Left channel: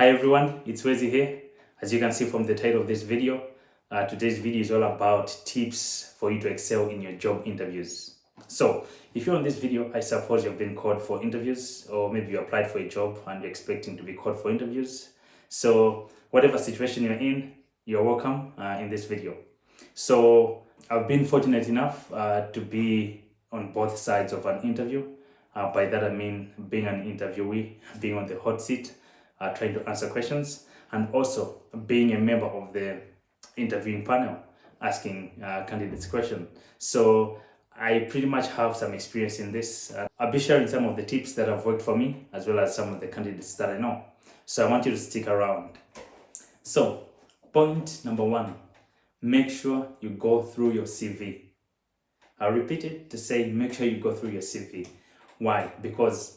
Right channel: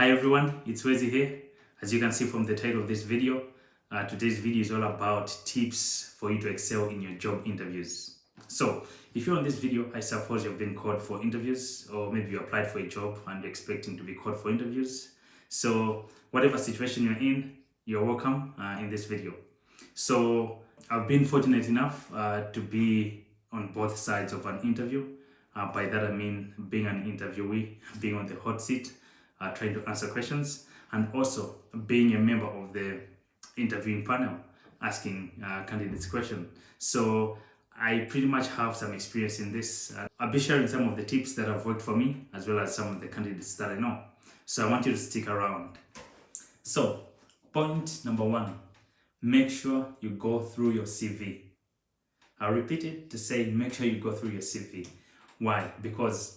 Hi everyone, it's Wezi here. As you can see from the title of this video, today's video is all about tips for you to excel in your job interviews. So, if you're on this video, I suppose you've been called for interviews, or maybe you applied for a job and you're expecting to be called for interviews. So, whatever situation you're in, you're welcome in this video. So, I've been fortunate enough to be on both sides of an interview. By that I mean being an interviewee, being on the hot seat, trying to answer questions, and also being a member of the interviewing panel, asking candidates questions. So I pretty much have some experience in this. I'll be sharing some of the tips that have worked for me, as well as some of the candidates that I know. So I want you to stick around. So point number one, make sure you go through your CV. I'll repeat it to say, make sure you go through your CV. Why? Because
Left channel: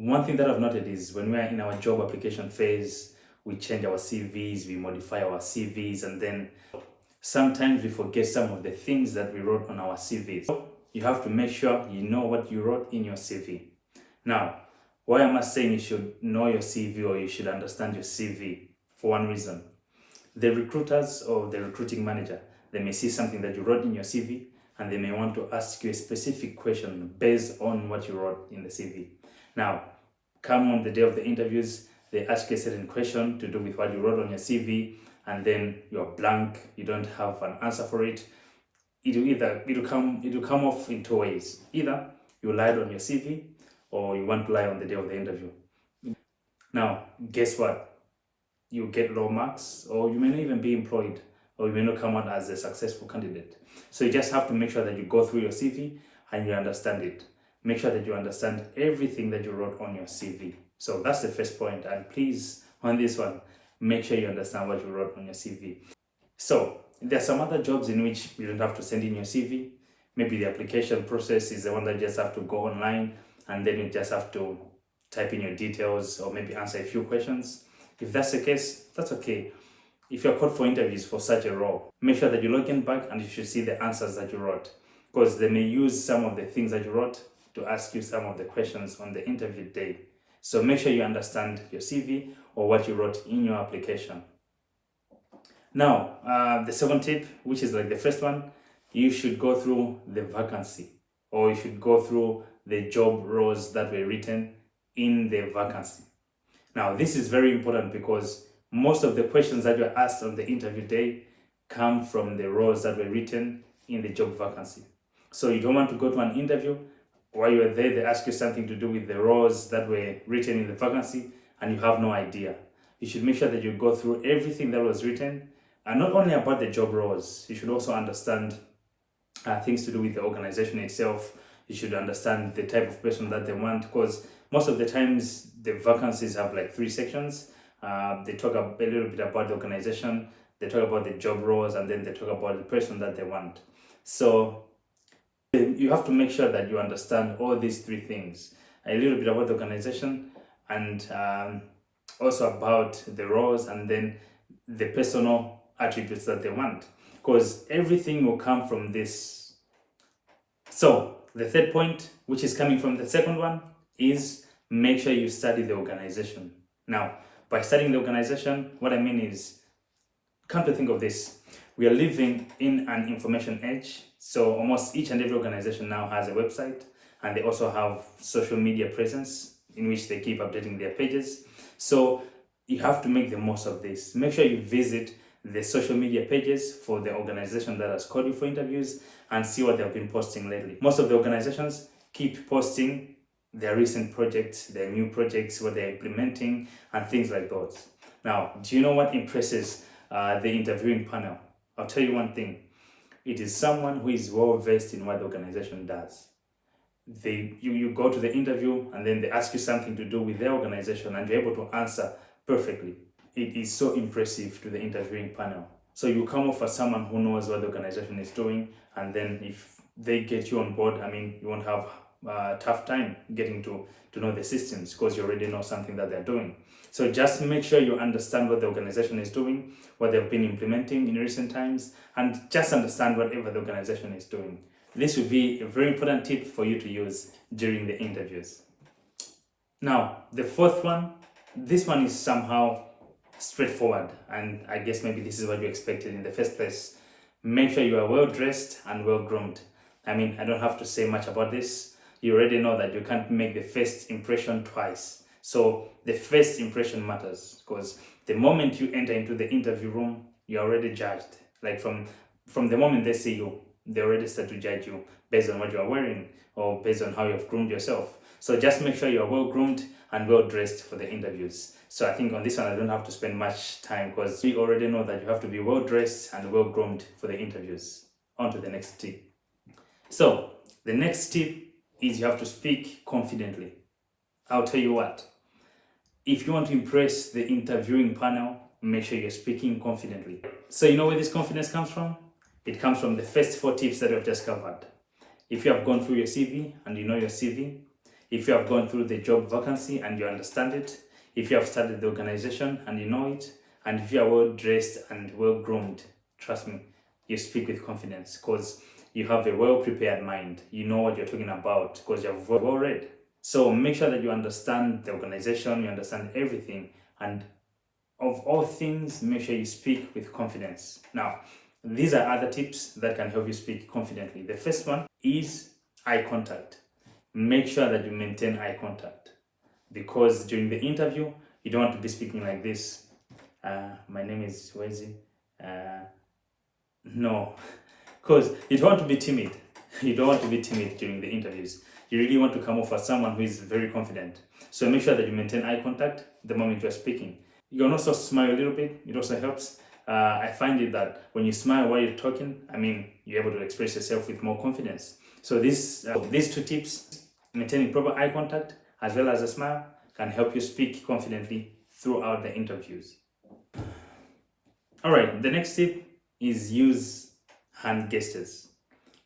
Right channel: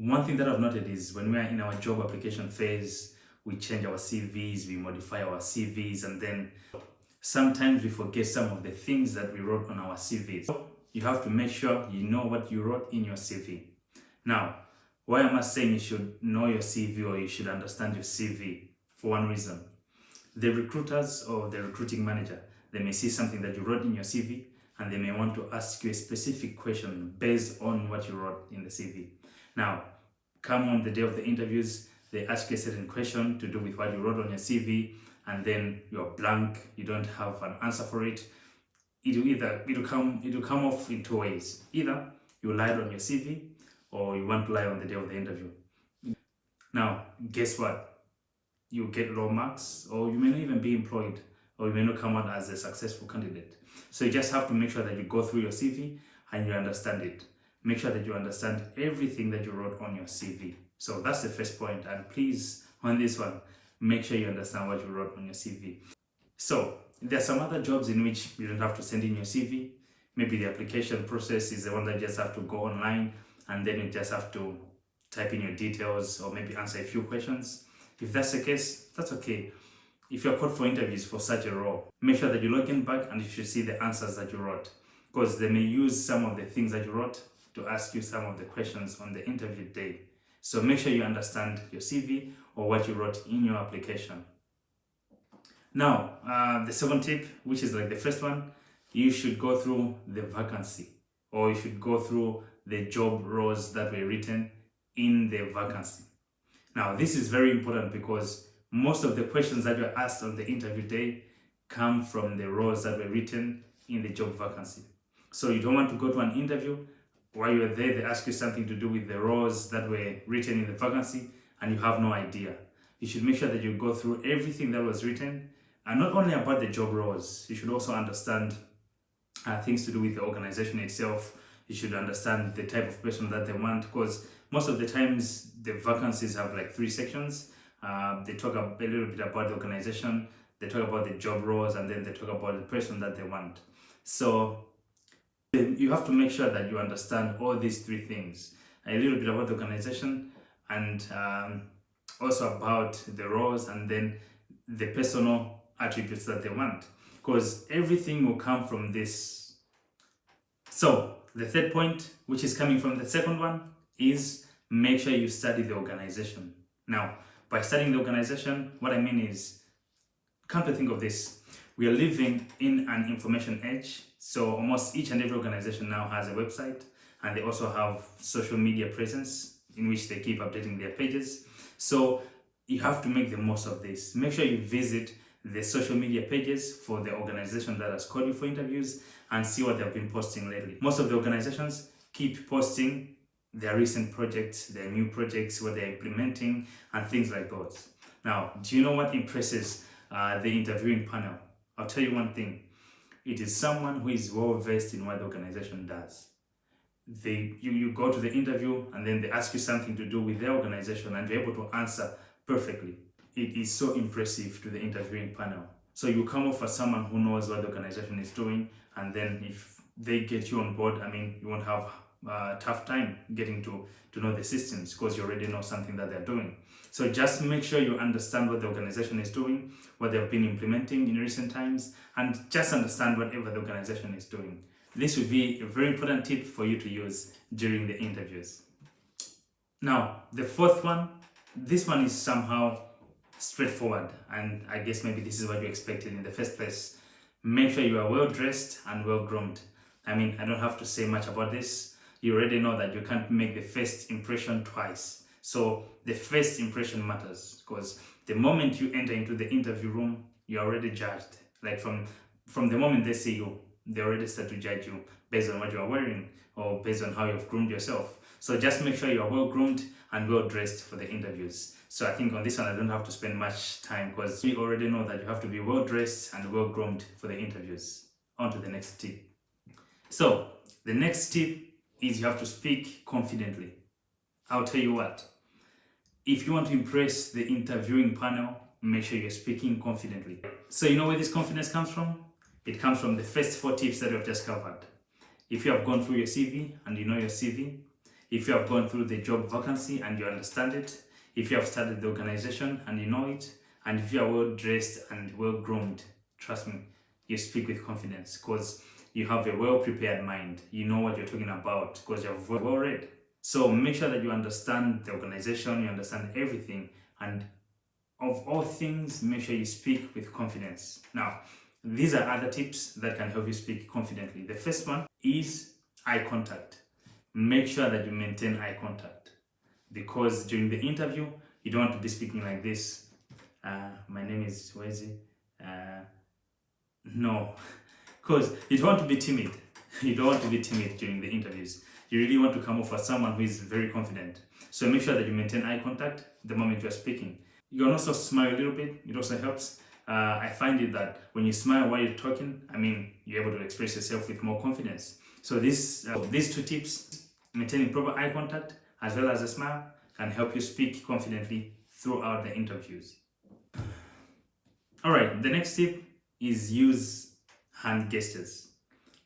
one thing that I've noted is when we're in our job application phase, we change our CVs, we modify our CVs, and then sometimes we forget some of the things that we wrote on our CVs. So you have to make sure you know what you wrote in your CV. Now, why am I saying you should know your CV or you should understand your CV? For one reason, the recruiters or the recruiting manager, they may see something that you wrote in your CV and they may want to ask you a specific question based on what you wrote in the CV. Now, come on the day of the interviews, they ask you a certain question to do with what you wrote on your CV, and then you're blank, you don't have an answer for it. It'll come off in two ways. Either you lied on your CV, or you want to lie on the day of the interview. Now, guess what? You get low marks, or you may not even be employed, or you may not come out as a successful candidate. So you just have to make sure that you go through your CV and you understand it. Make sure that you understand everything that you wrote on your CV. So that's the first point. And please, on this one, make sure you understand what you wrote on your CV. So there are some other jobs in which you don't have to send in your CV. Maybe the application process is the one that you just have to go online and then you just have to type in your details or maybe answer a few questions. If that's the case, that's okay. If you're called for interviews for such a role, make sure that you log in back and you should see the answers that you wrote, because they may use some of the things that you wrote to ask you some of the questions on the interview day. So make sure you understand your CV or what you wrote in your application. Now, the second tip, which is like the first one, you should go through the vacancy, or you should go through the job roles that were written in the vacancy. Now, this is very important because most of the questions that were asked on the interview day come from the roles that were written in the job vacancy. So you don't want to go to an interview while you're there, they ask you something to do with the roles that were written in the vacancy and you have no idea. You should make sure that you go through everything that was written, and not only about the job roles, you should also understand things to do with the organization itself. You should understand the type of person that they want, because most of the times the vacancies have like 3 sections. They talk a little bit about the organization, they talk about the job roles, and then they talk about the person that they want. So you have to make sure that you understand all these 3 things, a little bit about the organization, and also about the roles, and then the personal attributes that they want, because everything will come from this. So the third point, which is coming from the second one, is make sure you study the organization. Now, by studying the organization, what I mean is, come to think of this, we are living in an information age. So almost each and every organization now has a website, and they also have social media presence in which they keep updating their pages. So you have to make the most of this. Make sure you visit the social media pages for the organization that has called you for interviews and see what they've been posting lately. Most of the organizations keep posting their recent projects, their new projects, what they're implementing, and things like those. Now, do you know what impresses the interviewing panel? I'll tell you one thing. It is someone who is well versed in what the organization does. You go to the interview and then they ask you something to do with their organization and you're able to answer perfectly. It is so impressive to the interviewing panel. So you come off as someone who knows what the organization is doing, and then if they get you on board, you won't have a tough time getting to know the systems, because you already know something that they're doing. So just make sure you understand what the organization is doing, what they've been implementing in recent times, and just understand whatever the organization is doing. This would be a very important tip for you to use during the interviews. Now, the fourth one This one is somehow straightforward, and I guess maybe this is what you expected in the first place. Make sure you are well dressed and well groomed. I mean, I don't have to say much about this. You already know that you can't make the first impression twice. So the first impression matters, because the moment you enter into the interview room, you're already judged. Like from the moment they see you, they already start to judge you based on what you are wearing or based on how you've groomed yourself. So just make sure you are well groomed and well dressed for the interviews. So I think on this one, I don't have to spend much time, because we already know that you have to be well dressed and well groomed for the interviews. On to the next tip. So the next tip is you have to speak confidently. I'll tell you what, if you want to impress the interviewing panel, make sure you're speaking confidently. So you know where this confidence comes from? It comes from the first 4 tips that we've just covered. If you have gone through your CV and you know your CV, if you have gone through the job vacancy and you understand it, if you have studied the organization and you know it, and if you are well dressed and well groomed, trust me, you speak with confidence, because you have a well prepared mind. You know what you're talking about because you're well read. So make sure that you understand the organization, you understand everything, and of all things, make sure you speak with confidence. Now, these are other tips that can help you speak confidently. The first one is eye contact. Make sure that you maintain eye contact, because during the interview, you don't want to be speaking like this. My name is Wezi. No, because you don't want to be timid. You don't want to be timid during the interviews. You really want to come off as someone who is very confident. So make sure that you maintain eye contact the moment you're speaking. You can also smile a little bit. It also helps. I find it that when you smile while you're talking, I mean, you're able to express yourself with more confidence. So these 2 tips, maintaining proper eye contact as well as a smile, can help you speak confidently throughout the interviews. All right, the next tip is use hand gestures.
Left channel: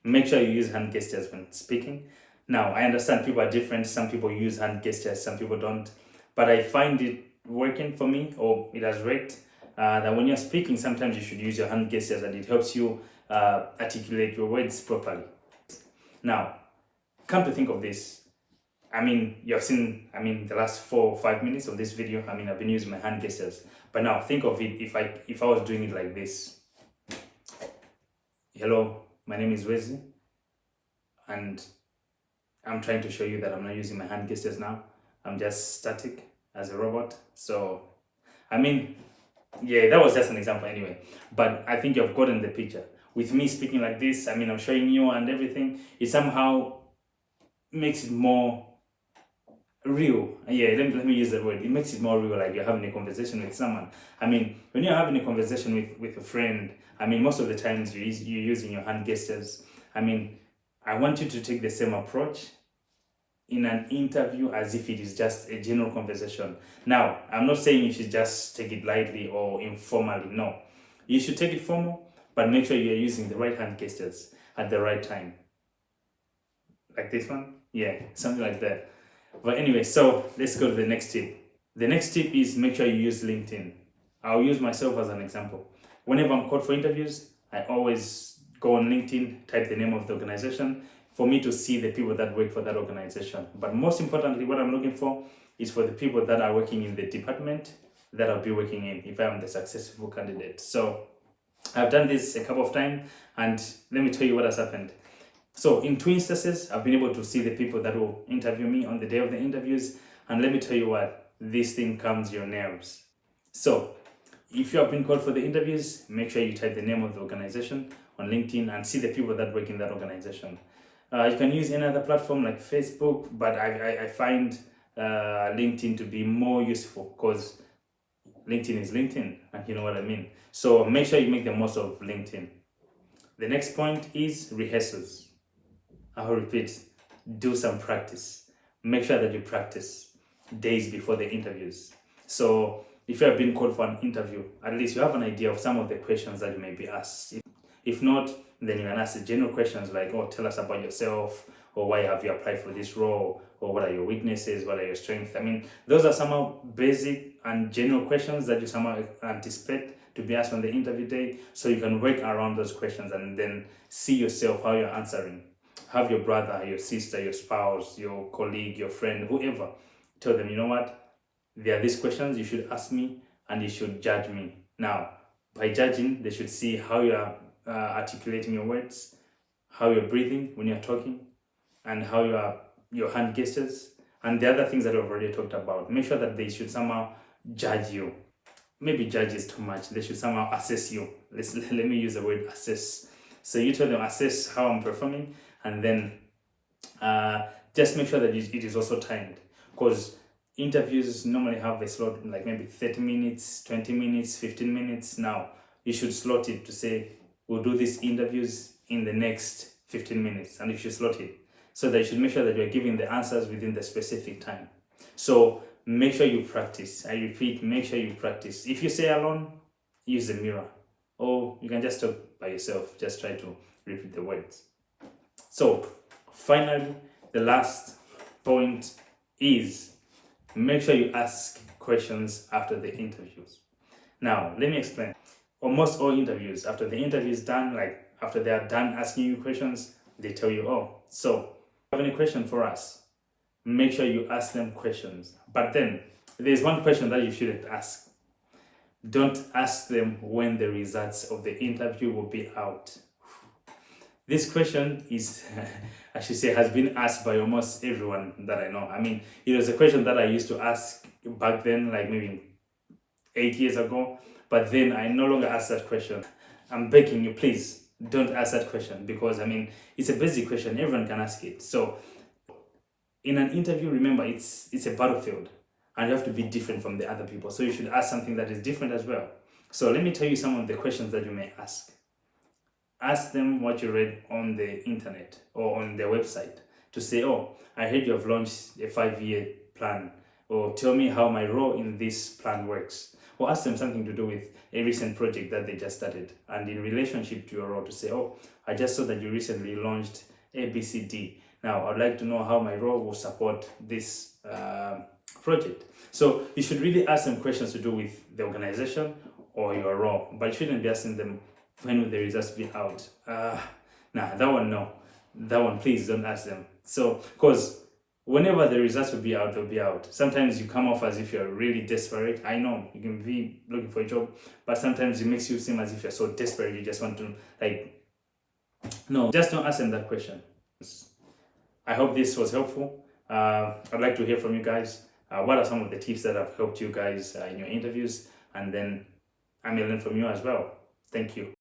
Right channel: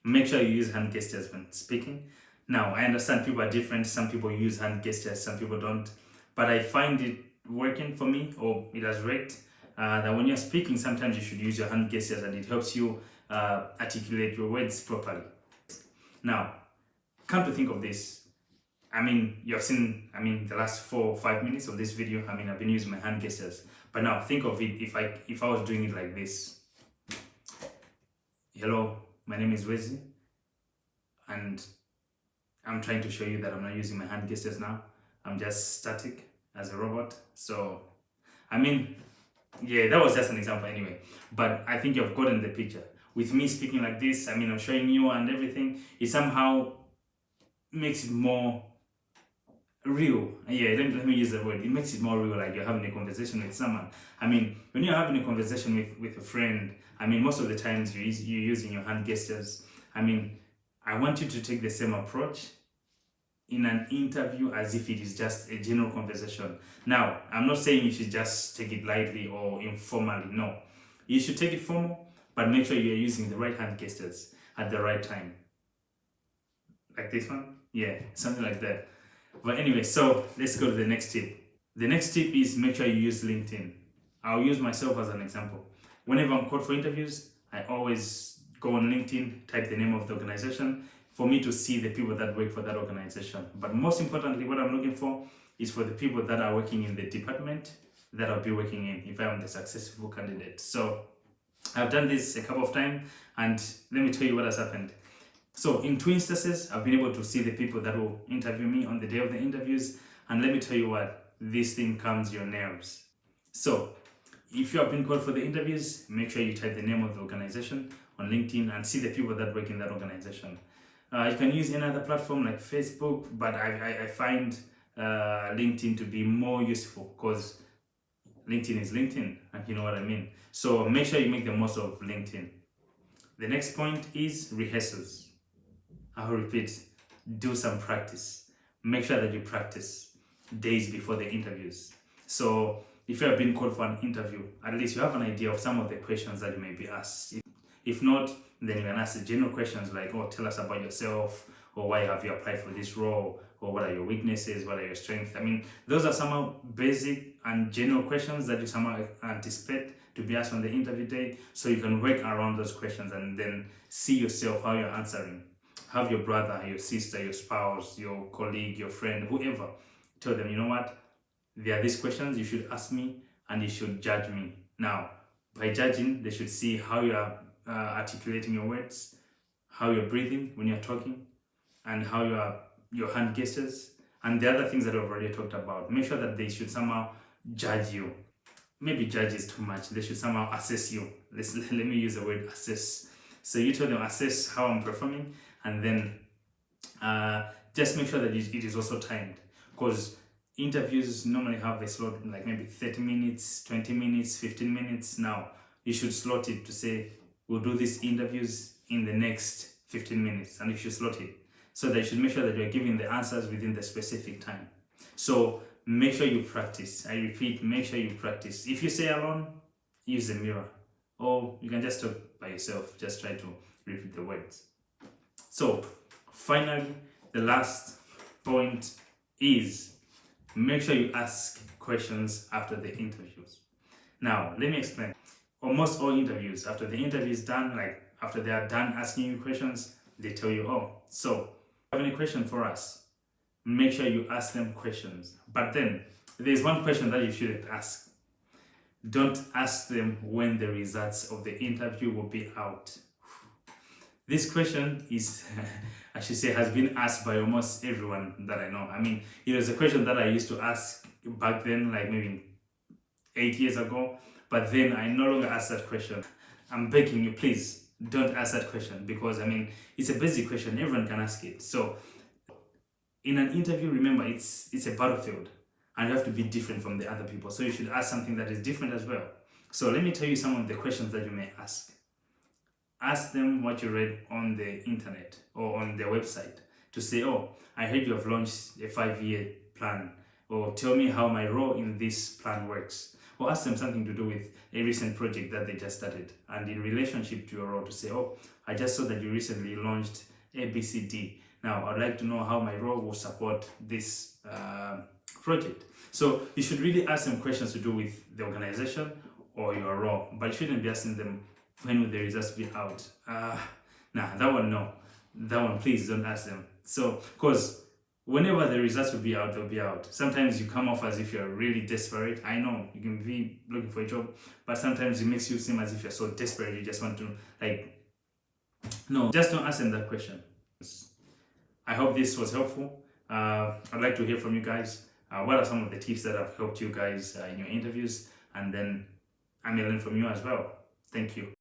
Make sure you use hand gestures when speaking. Now, I understand people are different. Some people use hand gestures, some people don't. But I find it working for me, or it has worked, that when you're speaking, sometimes you should use your hand gestures, and it helps you articulate your words properly. Now, come to think of this, I mean, you have seen, the last 4 or 5 minutes of this video, I've been using my hand gestures. But now think of it, if I was doing it like this. Hello, my name is Wezi, and I'm trying to show you that I'm not using my hand gestures now. I'm just static as a robot. So, yeah, that was just an example anyway. But I think you've gotten the picture. With me speaking like this, I'm showing you and everything. It somehow makes it more real. Yeah, let me use the word. It makes it more real, like you're having a conversation with someone. When you're having a conversation with a friend, most of the times you're using your hand gestures. I want you to take the same approach in an interview as if it is just a general conversation. Now, I'm not saying you should just take it lightly or informally. No, you should take it formal, but make sure you're using the right hand gestures at the right time. Like this one? Yeah, something like that. But anyway, so let's go to the next tip. The next tip is make sure you use LinkedIn. I'll use myself as an example. Whenever I'm called for interviews, I always go on LinkedIn, type the name of the organization for me to see the people that work for that organization. But most importantly, what I'm looking for is for the people that are working in the department that I'll be working in if I'm the successful candidate. So I've done this a couple of times, and let me tell you what has happened. So in 2 instances, I've been able to see the people that will interview me on the day of the interviews. And let me tell you what, this thing calms your nerves. So if you have been called for the interviews, make sure you type the name of the organization on LinkedIn and see the people that work in that organization. You can use any other platform like Facebook, but I find LinkedIn to be more useful because LinkedIn is LinkedIn, and you know what I mean. So make sure you make the most of LinkedIn. The next point is rehearsals. I'll repeat, do some practice. Make sure that you practice days before the interviews. So if you have been called for an interview, at least you have an idea of some of the questions that you may be asked. If not, then you can ask the general questions like, tell us about yourself, or why have you applied for this role, or what are your weaknesses, what are your strengths. Those are somehow basic and general questions that you somehow anticipate to be asked on the interview day, so you can work around those questions and then see yourself how you're answering. Have your brother, your sister, your spouse, your colleague, your friend, whoever, tell them, you know what, there are these questions you should ask me and you should judge me. Now, by judging, they should see how you are articulating your words, how you're breathing when you're talking, and how your hand gestures, and the other things that I've already talked about. Make sure that they should somehow judge you. Maybe judge is too much. They should somehow assess you. Let me use the word assess. So you tell them, assess how I'm performing, and then just make sure that it is also timed, because interviews normally have a slot like maybe 30 minutes, 20 minutes, 15 minutes. Now, you should slot it to say, we'll do these interviews in the next 15 minutes, and you should slot it. So that you should make sure that you're giving the answers within the specific time. So make sure you practice. I repeat, make sure you practice. If you say alone, use the mirror. Or you can just talk by yourself. Just try to repeat the words. So finally, the last point is make sure you ask questions after the interviews. Now, let me explain. Almost all interviews, after the interview is done, like after they are done asking you questions, they tell you, oh, so have any question for us? Make sure you ask them questions. But then there's one question that you shouldn't ask. Don't ask them when the results of the interview will be out. This question is, I should say, has been asked by almost everyone that I know. I mean, it was a question that I used to ask back then, like maybe 8 years ago. But then I no longer ask that question. I'm begging you, please, don't ask that question, because I mean, it's a basic question, everyone can ask it. So in an interview, remember, it's a battlefield and you have to be different from the other people. So you should ask something that is different as well. So let me tell you some of the questions that you may ask. Ask them what you read on the internet or on their website, to say, oh, I heard you have launched a 5-year plan, or tell me how my role in this plan works. Or ask them something to do with a recent project that they just started, and in relationship to your role, to say, oh, I just saw that you recently launched ABCD. Now, I'd like to know how my role will support this project. So you should really ask them questions to do with the organization or your role, but you shouldn't be asking them when will the results be out. Nah, that one, no. That one, please don't ask them. So, because whenever the results will be out, they'll be out. Sometimes you come off as if you're really desperate. I know you can be looking for a job, but sometimes it makes you seem as if you're so desperate you just want to, like, no, just don't ask them that question. I hope this was helpful. I'd like to hear from you guys. What are some of the tips that have helped you guys in your interviews? And then I may learn from you as well. Thank you.